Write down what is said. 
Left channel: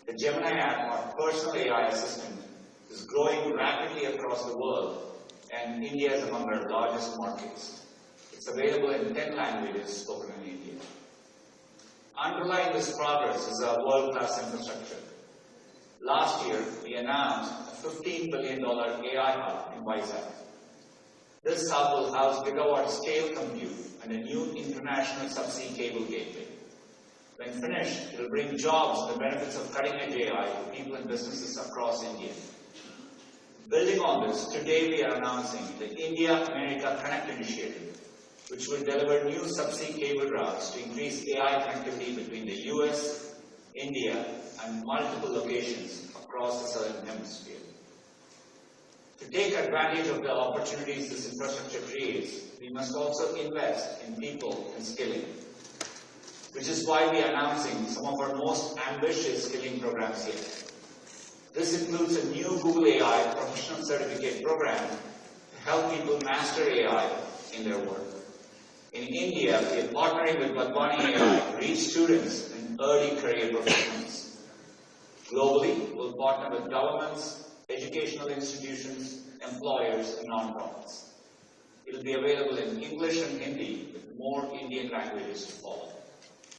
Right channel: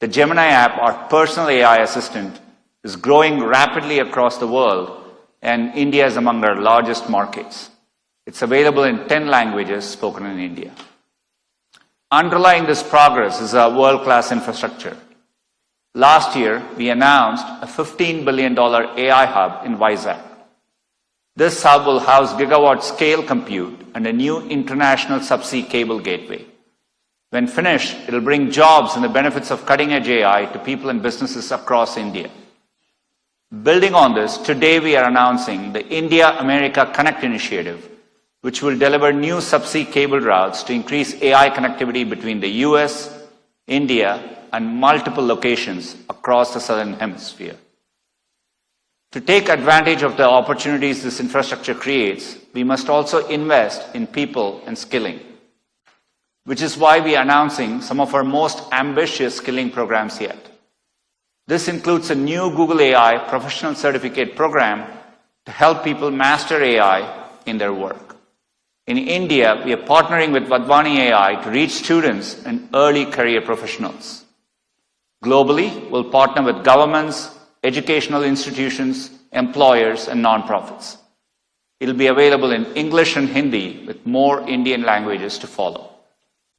The Gemini app, our personal AI assistant, is growing rapidly across the world, and India is among our largest markets. It's available in 10 languages spoken in India. Underlying this progress is our world-class infrastructure. Last year, we announced a $15 billion AI hub in Vizag. This hub will house gigawatt-scale compute and a new international subsea cable gateway. When finished, it will bring jobs and the benefits of cutting-edge AI to people and businesses across India. Building on this, today we are announcing the India-America Connect initiative, which will deliver new subsea cable routes to increase AI connectivity between the US, India, and multiple locations across the Southern Hemisphere. To take advantage of the opportunities this infrastructure creates, we must also invest in people and skilling, which is why we are announcing some of our most ambitious skilling programs yet. This includes a new Google AI professional certificate program to help people master AI in their work. In India, we are partnering with Vadvani AI to reach students and early career professionals. Globally, we'll partner with governments, educational institutions, employers, and nonprofits. It'll be available in English and Hindi with more Indian languages to follow.